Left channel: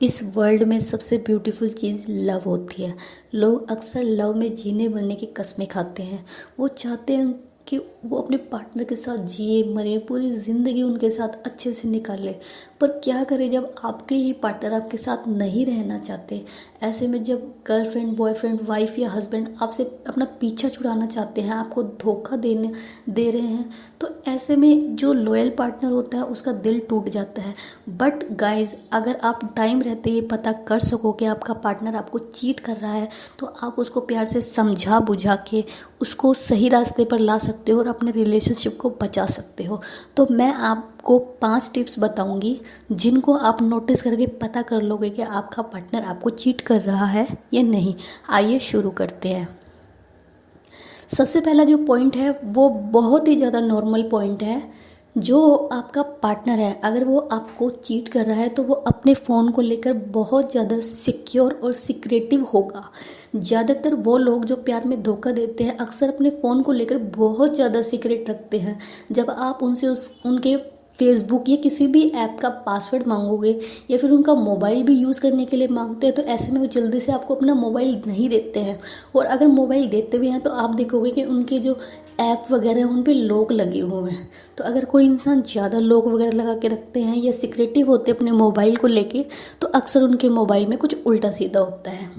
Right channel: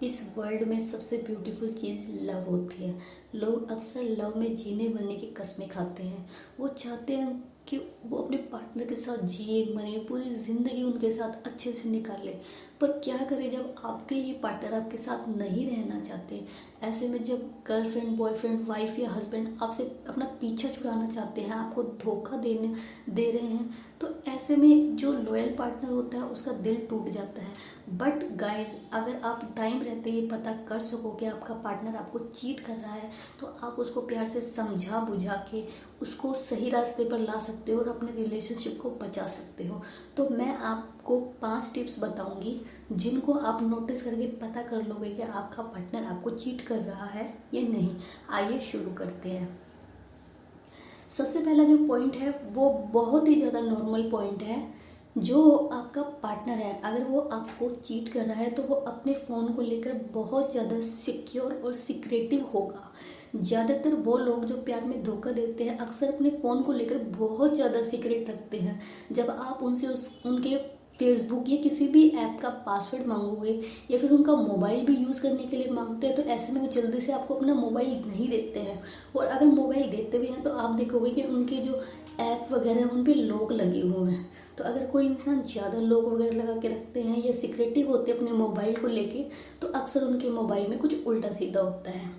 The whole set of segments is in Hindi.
इस वर्ल्ड में सबसे ब्यूटीफुल चीज़ लव होती है। लोग अक्सर लव में जीने बनने की कस्में खाते हैं। वो चाहते हैं कि वो अपने पार्टनर के साथ जिए मरे, पूरी ज़िंदगी उनके साथ अच्छे से निकाले। पर क्या करें जब आपके ही पार्टनर आपके साथ नहीं रहना चाहते। ऐसे में जब गर्लफ्रेंड, बॉयफ्रेंड, वाइफ या हस्बैंड आपसे अपना पीछा छुड़ाना चाहते हैं, आपको धोखा दे रहे हैं, तो ऐसे में जो लॉयल पार्टनर होता है उसका दिल टूट जाता है। बट गाइज, अगर आप टाइम रहते ये पता कर सको कि आपका पार्टनर आपको चीट कर रहा है, तो आप उसको प्यार से समझा बुझा के उसको सही रास्ते पर ला सकते हो और अपने रिलेशनशिप को बचा सकते हो। तो मैं आपको 5 टिप्स बताऊंगी जिनको आप नोटिस करके पता कर लोगे कि आपका पार्टनर आपको चीट कर रहा है या नहीं। आइए शुरू करते हैं। सबसे पहला जो पॉइंट है वो बहुत ही ज़्यादा नॉर्मल पॉइंट है। जो आपका पार्टनर है, अगर वो आपको चीट कर रहा है तो वो अपने फ़ोन को लेकर बहुत ज़्यादा सिक्योर और सिक्रेटिव होगा। ज़्यादातर वो लोग जो प्यार में धोखा देते हैं अक्सर अपने फ़ोन को लेकर बहुत ज़्यादा सीक्रेट रखते हैं। जब आप उनसे उनके फेसबुक या किसी भी ऐप का पासवर्ड मांगोगे या फिर उनका मोबाइल भी यूज़ करने के लिए मांगते हैं, तो ऐसे में वो जल्दी से आपको अपना मोबाइल नहीं देते हैं। और अगर मोबाइल देते भी हैं तो आप देखोगे कि उनके जो ऐप वगैरह हैं उन पे लॉक लगे हुए हैं। तो अगर कोई इंसान ज़्यादा लॉक वगैरह लगा के रखते हैं या सिक्रेटिव होते हैं अपने मोबाइल को लेके, तो अक्सर उनके मोबाइल में कुछ उल्टा सीधा होता है।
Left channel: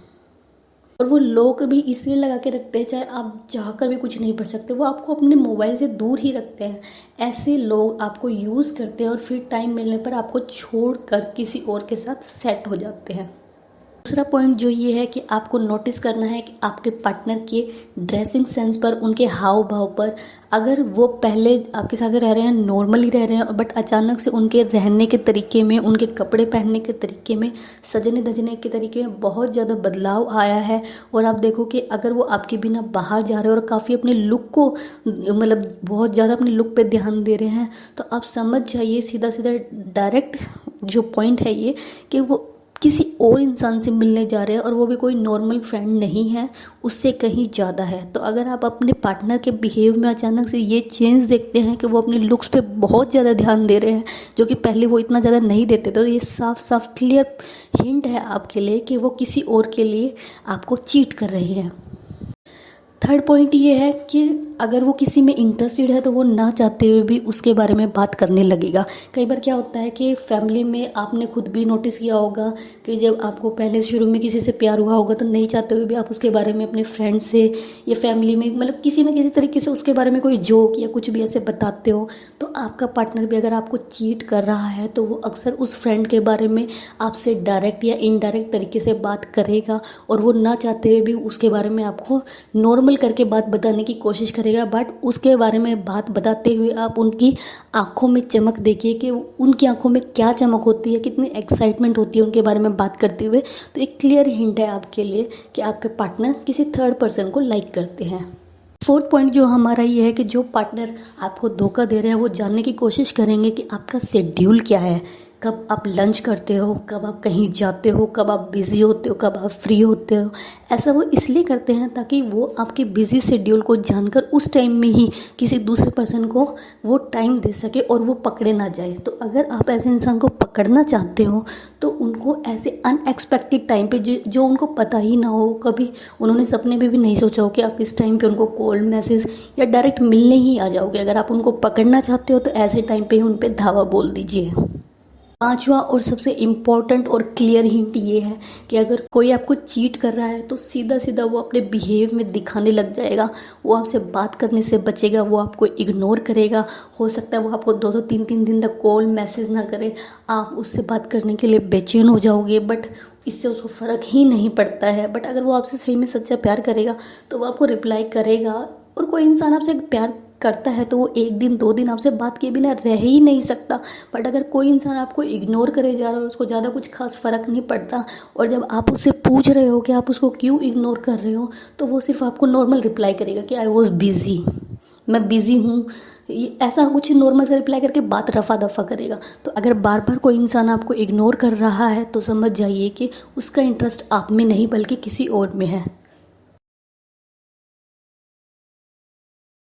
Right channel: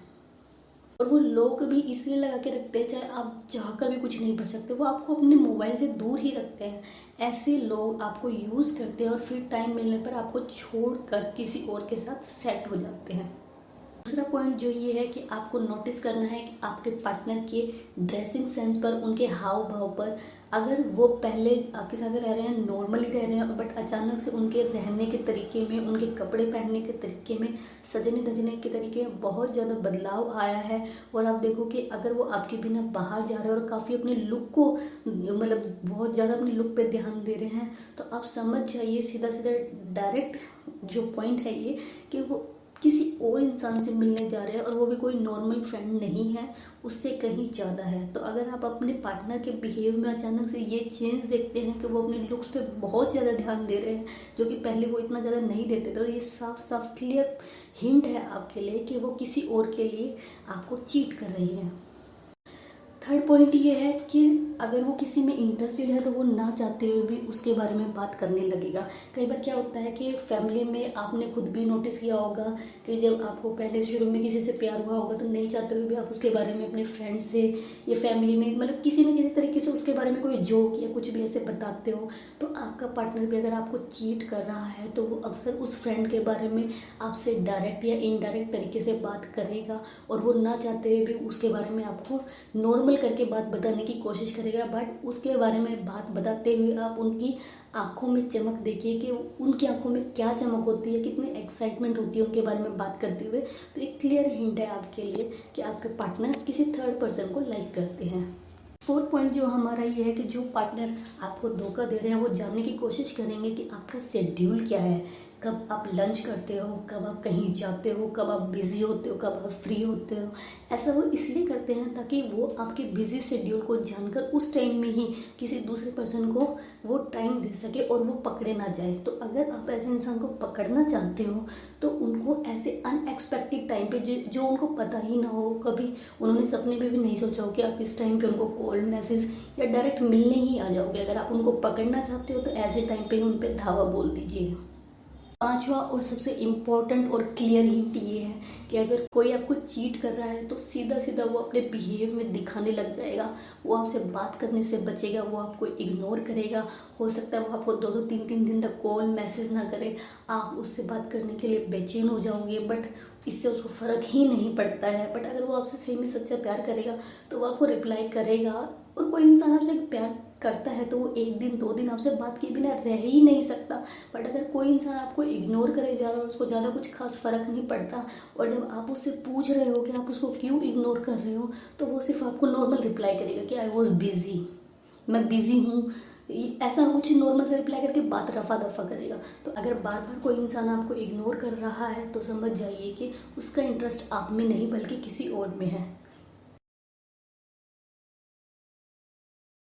और वो लॉक भी इसलिए लगा के रखते हैं, चाहे आप चाहकर भी कुछ नहीं पढ़ सकते, वो आपको अपने मोबाइल से दूर ही रखते हैं। ऐसे लोग आपको यूज़ करते हैं और फिर टाइम मिलने पर आपको छोड़कर किसी और के साथ सेट हो जाते हैं। दूसरा पॉइंट जो ये है कि आपको नोटिस करना है कि आपके पार्टनर के ड्रेसिंग सेंस पर, उनके हाव भाव पर। अगर वो पहले आपके साथ रह रहे हैं, नॉर्मली रह रहे हैं, बट अचानक से उनके रहने के तरीके में, उनके कपड़े पहनने के तरीके में, सजने धजने के तरीके में बहुत ज़्यादा बदलाव आया है, और आप देखो कि अगर वो आपके बिना बाहर जा रहे हैं और काफ़ी अपने लुक को, मतलब बहुत ज़्यादा अपने लुक पे ध्यान दे रहे हैं, तो आप समझ जाइए सीधा सीधा डायरेक्ट जो पॉइंट है ये, कि वो किसी और इंसान से मिलने जा रहे हैं, और वो भी कोई नॉर्मल फ्रेंड नहीं है, उससे कहीं ज़्यादा है। तो अगर आप अपने पार्टनर के बिहेव में अचानक से ये चेंज देखते हैं कि वो अपने लुक्स पे बहुत ज़्यादा ध्यान दे रहे हैं, जो कि पहले वो इतना ज़्यादा नहीं देते, तो ये साफ साफ क्लियर हिंट है आपके लिए कि वो किसी और के लिए आपको चीट कर रहे हैं। थर्ड पॉइंट ये है कि अगर वो किसी में इंटरेस्टेड है तो वो ना चाहते हुए भी उसके बारे में बात करने लगेगा। कई बार क्या होता है कि फैमिली में आपने खुद भी नोटिस किया होगा कि जब आपको पहले शुरू में किसी से प्यार हुआ होगा तो नहीं चाहते हुए भी आप उसके बारे में अपने फ्रेंड से या फैमिली में, मतलब किसी न किसी तरीके से उसके बारे में कोई जोक या कुछ भी ऐसे बताते हो। तो आपका पार्टनर भी अगर आपको चीट कर रहा है तो वो अक्सर उस फ्रेंड के बारे में आपसे डायरेक्ट या इनडायरेक्ट तरीके से बात करेगा, और वो ना चाहते हुए भी उसके बारे में आपको नॉर्मल करके बात बताने की कोशिश करेगा। बट उसके बारे में बात बताते हुए आप उनकी आंखों में चमक देखिए कि उनकी आंखों में क्या चमक होती है, कितनी एक्साइटमेंट होती है उनके बारे में बात करते हुए। तो एक क्लियर हिंट है आपके लिए कि आपके पार्टनर किसी थर्ड पर्सन को लाइक करते हैं। फोर्थ पॉइंट जो हमारा ये है कि जो पार्टनर आपको धोखा दे रहे हैं वो जानने की कोशिश करेंगे कि आपका शेड्यूल क्या है, कब आप लंच करते हो, कब आप कहीं जाते हो, कब आप बिज़ी होते हो, कब आप फ्री होते हो। ऐसा वो इसलिए करते हैं ताकि वो आपके बिज़ी शेड्यूल को जानकर उस टाइम में ही किसी दूसरे पर्सन को वो टाइम दे सके और वो पकड़े ना जाए। तो अगर आप ऐसे इंसान को पकड़ना चाहते हो तो उनको ऐसे अनएक्सपेक्टेड टाइम पे जो उनको पता ही ना हो, कभी उन्होंने सपने में भी नहीं सोचा हो कि आप इस टाइम पे उनको कॉल, मैसेज या डायरेक्ट मिलने ही आ जाओगे। अगर आप उनको पकड़ना चाहते हो तो ऐसे टाइम पे ही उन पे धावा बोल दीजिए। पांचवा और सबसे इम्पॉर्टेंट और क्लियर हिंट ये है कि अगर कोई आपको चीट कर रहा है तो सीधा सीधा वो अपने बिहेव में दिखाने लग जाएगा। वो आपसे बात करने से बचेगा, वो आपको इग्नोर करेगा। हो सकता है वो आपको 2-2 3-3 दिन तक कॉल मैसेज ना करे, आप उससे बात करने के लिए बेचैन हो जाओगे, बट इससे उसको फ़र्क ही नहीं पड़ता है। बट अगर वो आपसे सही में सच्चा प्यार करेगा तो वो आपको रिप्लाई करेगा। और कोई इंसान आपसे प्यार करता है तो वो 1 दिन 2 दिन आपसे बात किए बिना रह ही नहीं सकता। बट अगर कोई इंसान आपको इग्नोर करे जा रहा है और उसको ज़्यादा कुछ खास फ़र्क नहीं पड़ता, और जब आप उससे पूछ रहे हो कि आप उसको क्यों इग्नोर कर रहे हो, तो वो सिर्फ आपको नॉर्मल रिप्लाई करेगा कि आई वॉज बिज़ी, मैं बिज़ी हूँ, ऐसा कुछ नॉर्मल से रिप्लाई करके बात रफा दफा करेगा। तो अगर बार बार कोई इंसान आपको इग्नोर कर रहा है तो समझ जाइए कि उसका इंटरेस्ट आप में नहीं बल्कि किसी और में है।